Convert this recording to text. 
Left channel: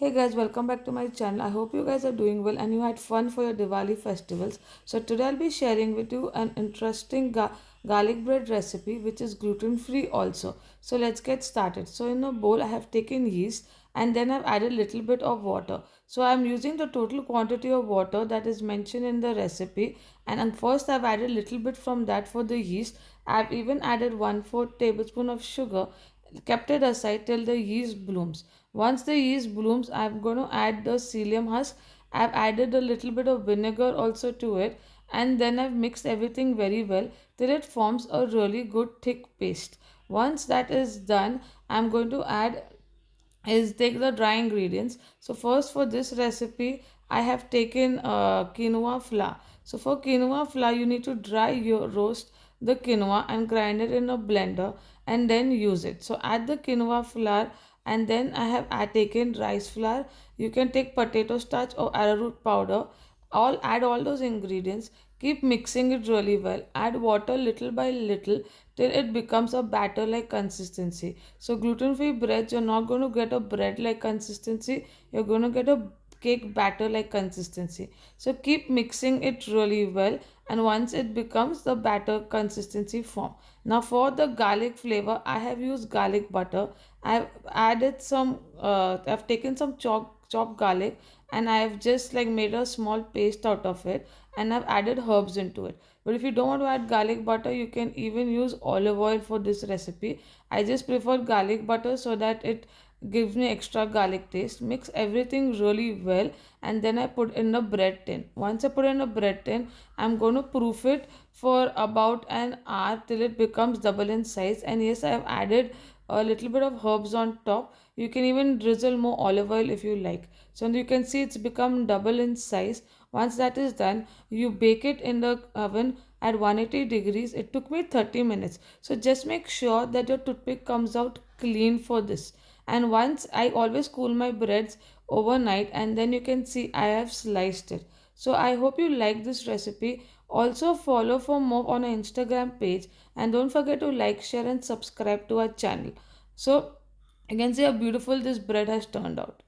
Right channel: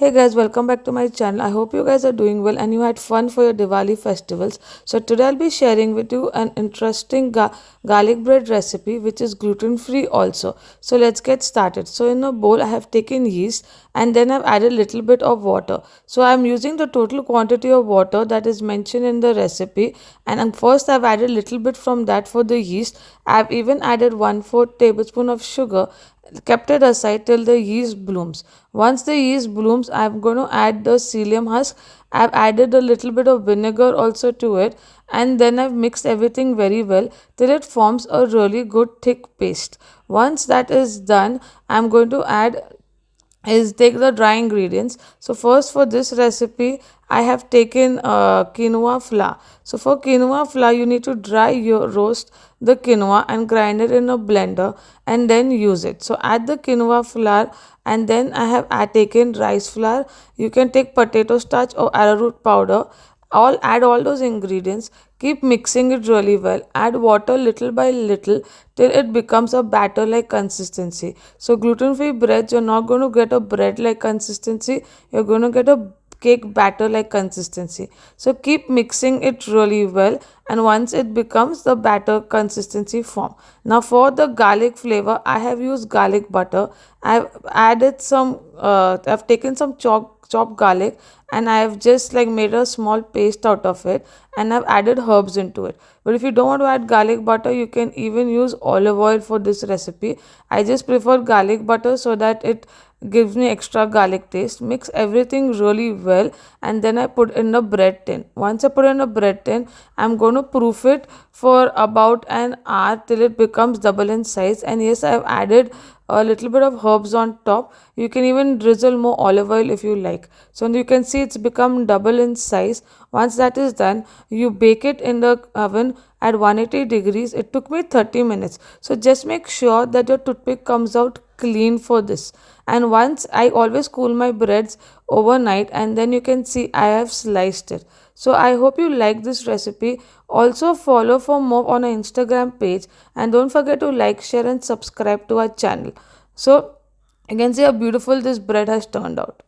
Hey guys, welcome back to my channel. I hope you guys are doing well and you had fun for your Diwali festivals. So today I'll be sharing with you an interesting garlic bread recipe which is gluten free also. So let's get started. So in a bowl I have taken yeast and then I've added a little bit of water. So I'm using the total quantity of water that is mentioned in the recipe, and first I've added a little bit from that for the yeast. I've even added 1/4 tablespoon of sugar, kept it aside till the yeast blooms. Once the yeast blooms, I'm going to add the psyllium husk. I've added a little bit of vinegar also to it, and then I've mixed everything very well till it forms a really good thick paste. Once that is done, I'm going to add is take the dry ingredients. So first for this recipe I have taken quinoa flour. So for quinoa flour you need to dry your roast the quinoa and grind it in a blender and then use it. So add the quinoa flour, and then I have taken rice flour. You can take potato starch or arrowroot powder. All add all those ingredients, keep mixing it really well, add water little by little till it becomes a batter like consistency. So gluten free breads, you're not going to get a bread like consistency, you're going to get a cake batter like consistency. So keep mixing it really well, and once it becomes the batter consistency form. Now for the garlic flavor I have used garlic butter. I've taken some chopped garlic, and I've just like made a small paste out of it, and I've added herbs into it. But if you don't want to add garlic butter, you can even use olive oil for this recipe. I just prefer garlic butter so that it gives me extra garlic taste. Mix everything really well, and then I put in a bread tin. Once I put in a bread tin, I'm going to proof it for about an hour till it becomes double in size. And yes, I've added a little bit of herbs on top. You can even drizzle more olive oil if you like. So you can see it's become double in size. Once that is done, you bake it in the oven at 180 degrees. It took me 30 minutes. So just make sure that your toothpick comes out clean for this. And once I always cool my breads overnight, and then you can see I have sliced it. So I hope you like this recipe. Also follow for more on our Instagram page, and don't forget to like, share and subscribe to our channel. So you can see how beautiful this bread has turned out.